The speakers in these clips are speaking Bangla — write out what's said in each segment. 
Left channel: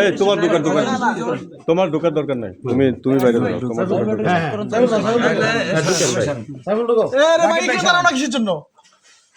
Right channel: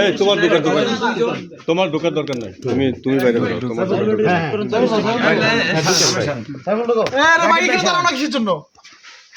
এই তোমার ঢোকার দরকার তোমার ঢোকার দরকার নাই। তুমি তুমি বাইরে তোমার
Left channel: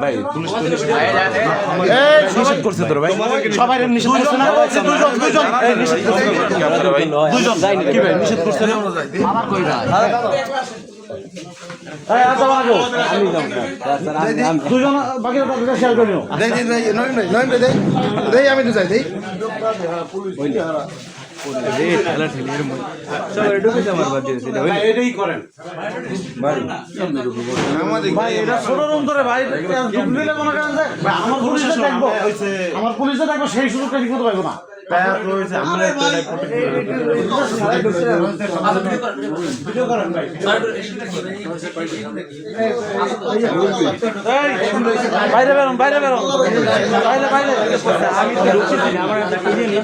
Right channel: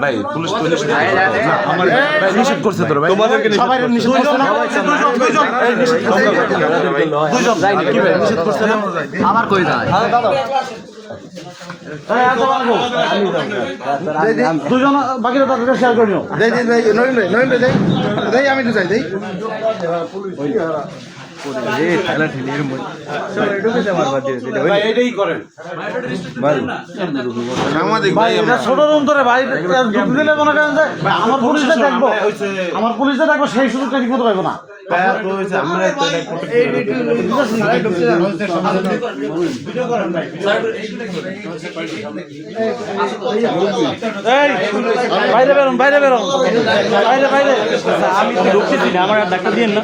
ভাই পুলিশ পুলিশ নিষেধ করছে। তোর ভাই। সবাই নিষেধ করছে না? দুজন বাকিরা তাদের শেয়ার করে নিও। দেই দেই ভাই এটা ছোট রুম ধরে ভাই ঢুকলে মনে করেন যে আমার পুলিশে দেখব। আমার পুলিশে দেখব সেই সুযোগটা ঠিক মতো পাইবো না। বাইরে বেরোন বাইরে বেরোন বাইরে বাইরে আমি ঢুকছি না আমার ডাক্তার দিয়ে না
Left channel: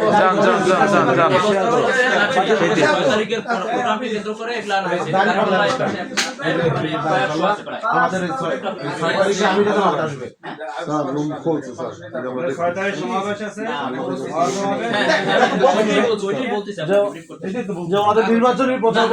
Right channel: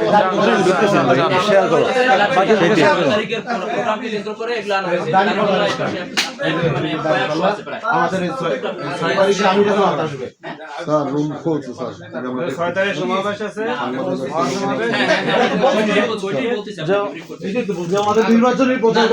তারিখের প্রোগ্রামটি কেন্দ্র করে এগুলো আনা হয়েছে আমাদের ছয় তারিখে আমি যখন মাথা আসবে যে আমাদের নির্বাচনী প্রচার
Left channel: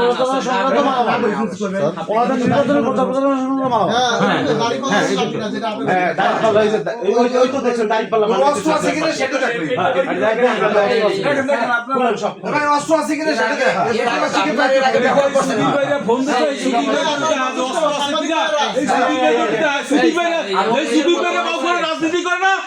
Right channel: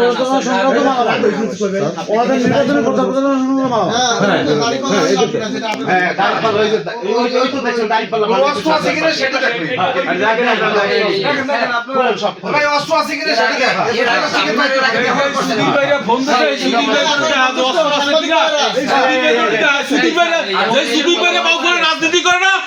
ফোন দিতে সুদীপ ভাই সুদীপ ভাই সুদীপ ভাই এই সুদীপ ভাই বাবু করে রাজনীতি করে না এই সুদীপ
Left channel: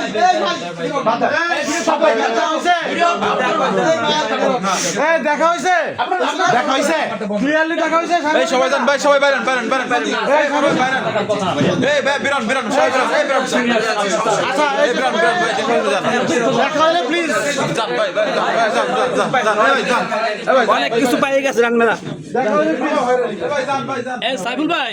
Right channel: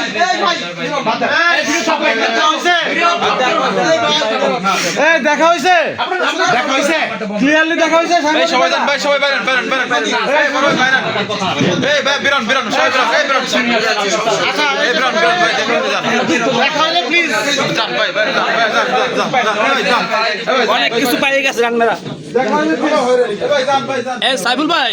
আছে এই দেখা হয়েছে দেখা হয়েছে ক্লিয়ারলি দেখা হয়েছে এই সবাই যান ভাই সবাই বেরান বেরান বেরান এই সবাই বেরান এই ভাই বেরান বেরান সবাই বেরান এই বেরান এই বেরান বেরান ভাই দেখা হলে প্লিজ যান ভাই ভাই যান যান যান ভাই যান অনেক কিছু পাই গেছে রান্নারা দেখা হলে এ সাইফুল ভাই।